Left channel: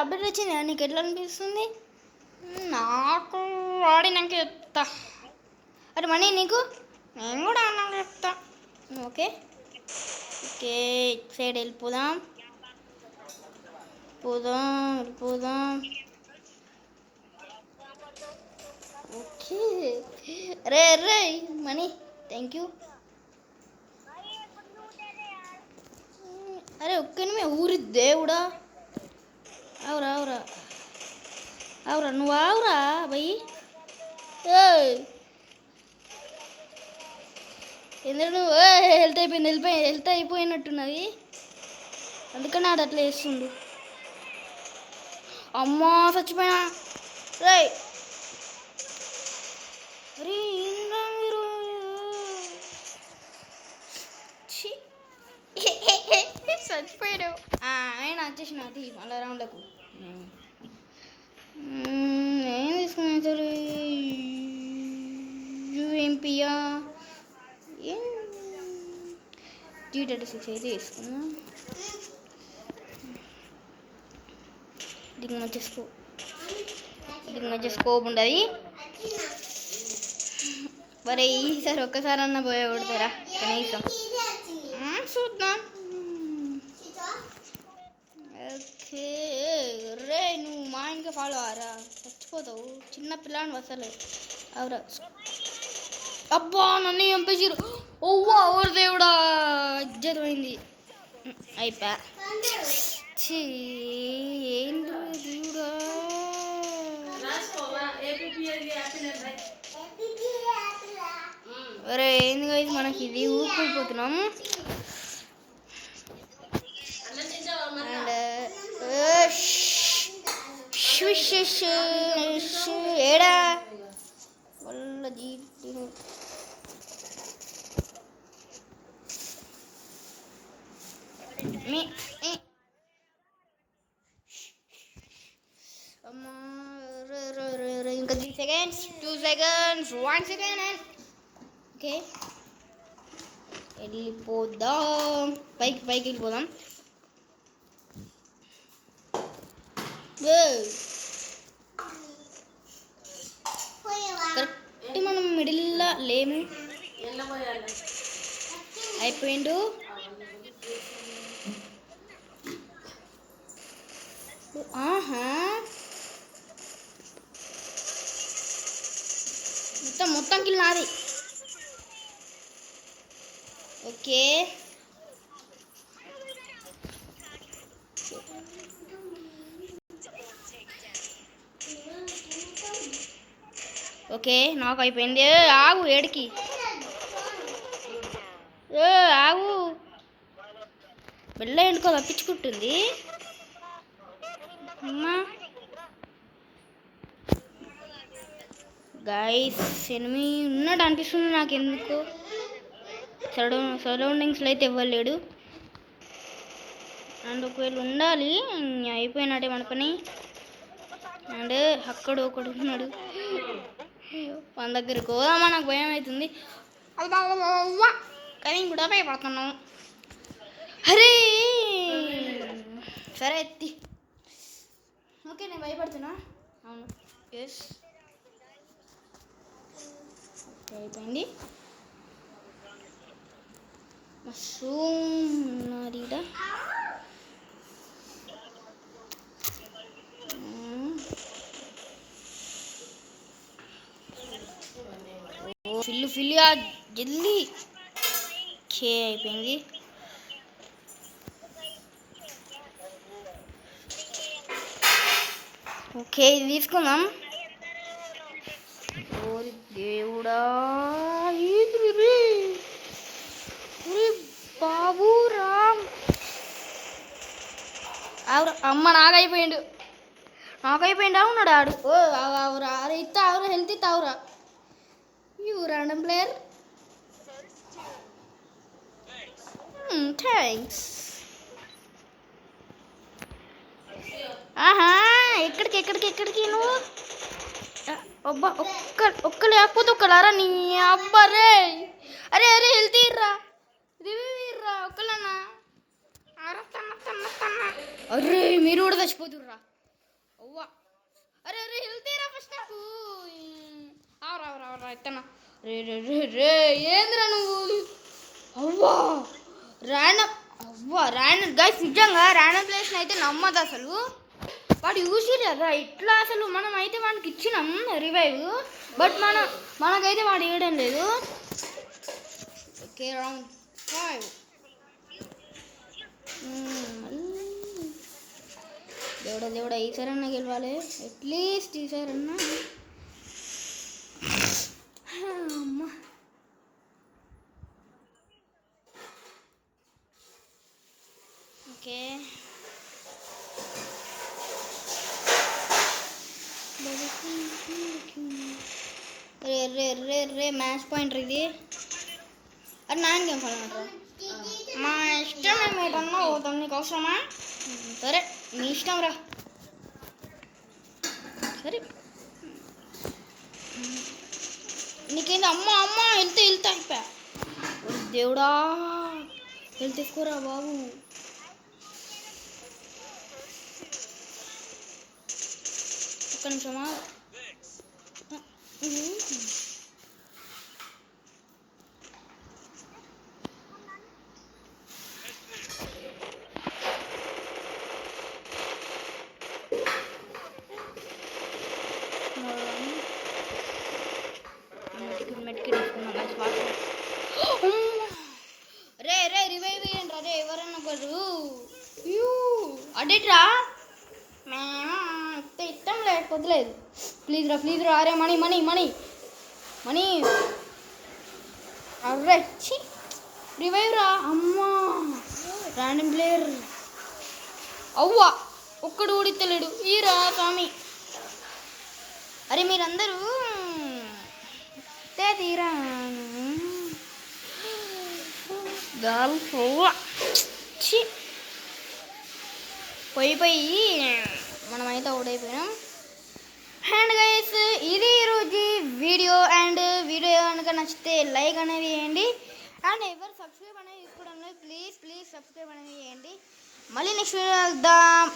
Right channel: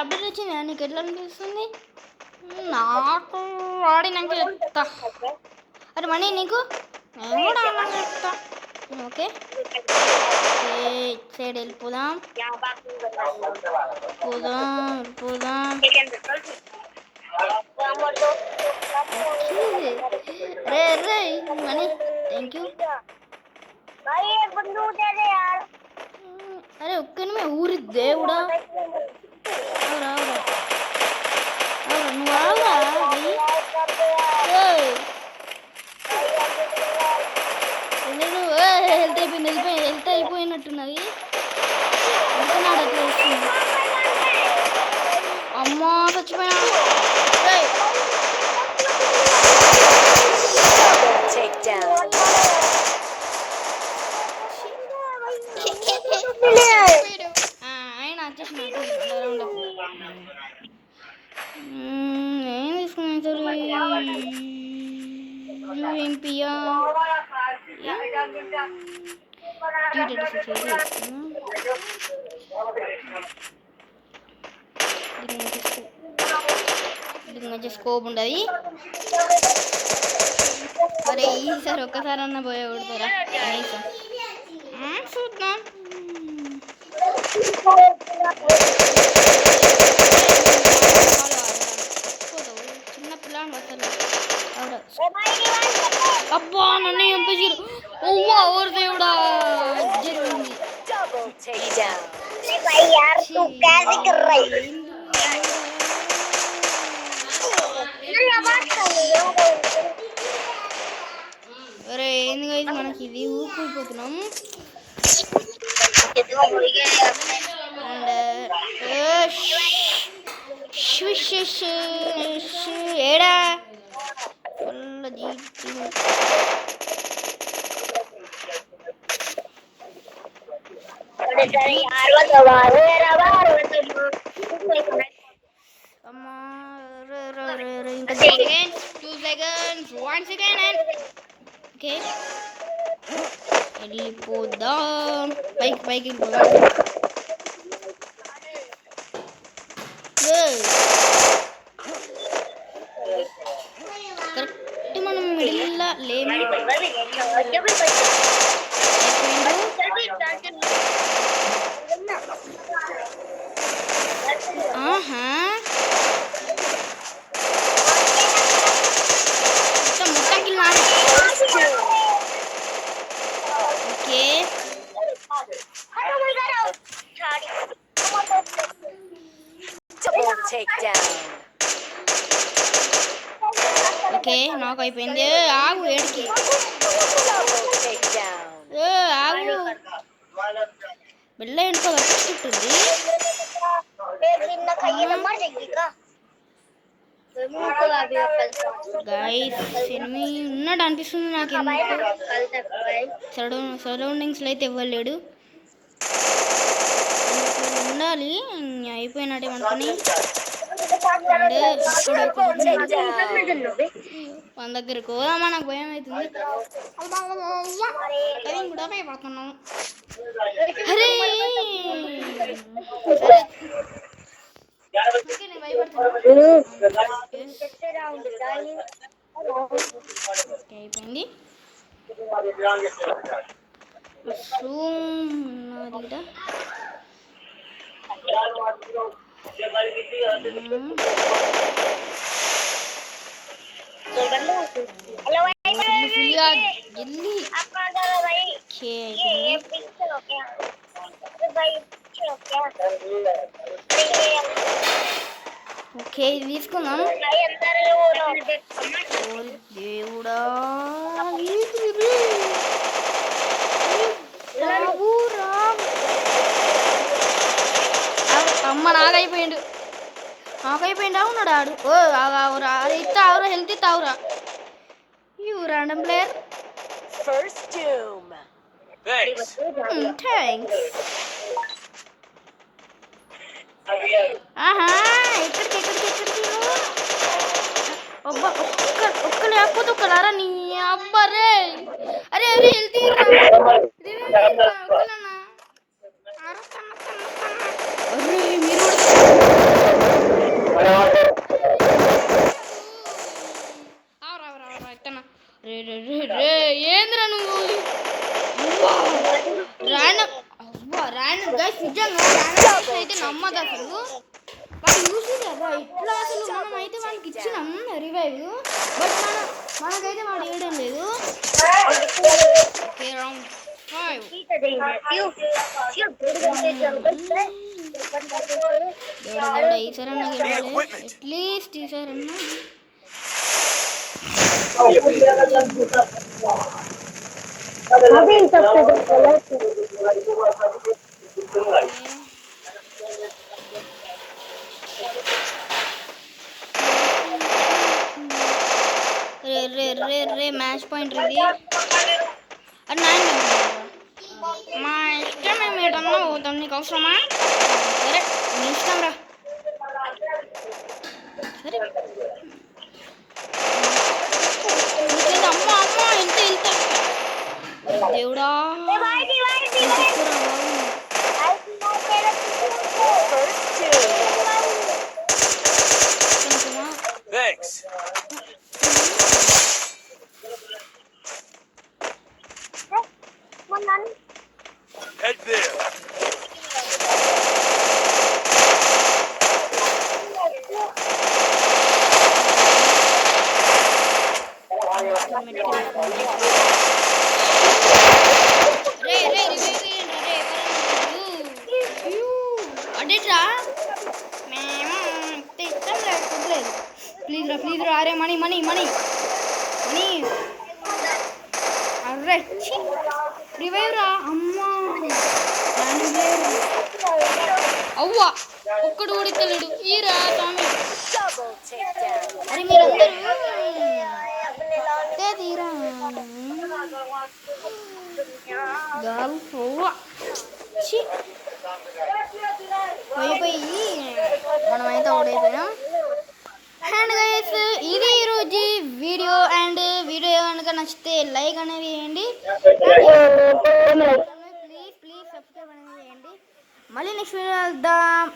Update వచ్చింది నీకు ఎట్లా అనిపిస్తుంది? నాకు ఆడినాక చెప్తా. అరే మనీ నీకు నేను కూడా ఆడినాక చెప్తా. ఓకే ఓకే సైడ్ వెళ్ళిపోదాం పోదాం. రే రే మనీ థ్యాంక్ యూ. అరే ఒక్కనిమే ఊరి దేవుడా. అవురా నువ్వు ఆవురా భయ్. ఎందుకు హెల్త్ అయిపోయినట్టున్నది. అందుకని ఆడ అట్లా వేస్తుంది. అమ్మా చచ్చిపోయినా. అయినా వచ్చేసిన ఏం తీసుకున్నా సరే యూఎంపియా T36 అయితే తీసుకున్నా. దీని మధ్య స్కోప్ ఉండదు. మరి ఈసారి ఒక్కసారి అన్న పోయే కొడతారా కనీసం చూద్దాం. చిన్న పిల్లని వస్తారు. అబ్బా నన్ను చంపేసారు. ఓవ్వా ఓరు దేవుడా జరిగింది. అరే ఏంది అయితే మనకి ఇది ఊరుకుపోతున్నాం. ఏడా ఇంకా 2 seconds 1 second ఓకే వెళ్ళిపోదాం. పైకి వెళ్ళిపోదాం. కరెక్ట్ మనం మిడిల్లో లేము. అయిపోయిండు. మొత్తం కిల్ నాది. ఓకే ఓకే నాకు అయిపోయింది. ఆగు ఏడికి ఆగు వెళ్ళ ఎండుకో తప్పించుకుంటుంది. గైస్ ఎనిమి ఉన్నాడు అనిపిస్తుంది నాకు. ఎందుకు సరౌండింగ్స్లో అయితే ఇవ్వలేడు. అందుకు ఉండాలి. అయిపోయినట్టే అనుకుని మన దగ్గరకు పోదామా నాకు భయం అవుతుంది. కానీ కూడా భయపడుతున్నాం. అరే సరే నేను భయపడుతున్నాను. అయిపోయింది. జల్దీ అయిపోయింది. ఓకే ఇది తీసుకుందాం. దేవుడా బాబు రామ్ అమ్మ నాకైపోయిండు ఉన్నాడు ఆడు. ఓ ఆవురా అరే ఇస్తా ఆవురా హెల్త్ ఇస్తా ఆవురా. You random player thanks. ఆహా ఎక్కడికి నువ్వు అబ్బా ఒక్క లేకపోతే ఒక్కలారా నీ అబ్బా రే. అరే హెల్త్ ఒక్కలన్నా. అరే మీరు కూడా ర్యాండమ్ గైస్, నిజంగా ర్యాండమ్ అయితే నమ్మదు అసలు. వాడు చూసి కదా ఇట్లా అసలు మనం అయితే వాడికి ఇచ్చినాం రివైవ్, బట్ మనకైతే వాడు వేయడం లేదు. దేవుడా ఈసారన్నా గెలవాలి, అట్లీస్ట్ ఈసారన్నా. రే మ్యాచ్ పాయింట్ ఇది. అది నా మా ఇష్టం, మేము ఏటన్నా పోతాం, నీకు అవసరమా? సరే నీ ఇష్టం రా. సరే అమ్మ అమ్మ ఎంత వెళ్తా దేవుడా, తీసుకురా బాబు. కొంచెమా అడేట్రా, మేము ఇష్టం లేకపోలేదు. ప్లీజ్ రా అరే, మనీ అర్రే రివైవ్ రా. అమ్మా ర్యాండమ్ ప్లేయర్ అవ్వా, ఒక్కడు ఊడితలేడు ఈరా స్వామి. అరే మీరందరూ తీరా పోయి మనమైతే ఓడైపోయినాం. అండ్ గైస్, ఇది ఈరోజు వీడియో. అండ్ వీడియో కనుక నచ్చితే లైక్ అనేది వేయండి, ప్లీజ్ సబ్స్క్రైబ్ అనేది చేయండి. మళ్ళీ నెక్స్ట్ వీడియో వెళ్దాం.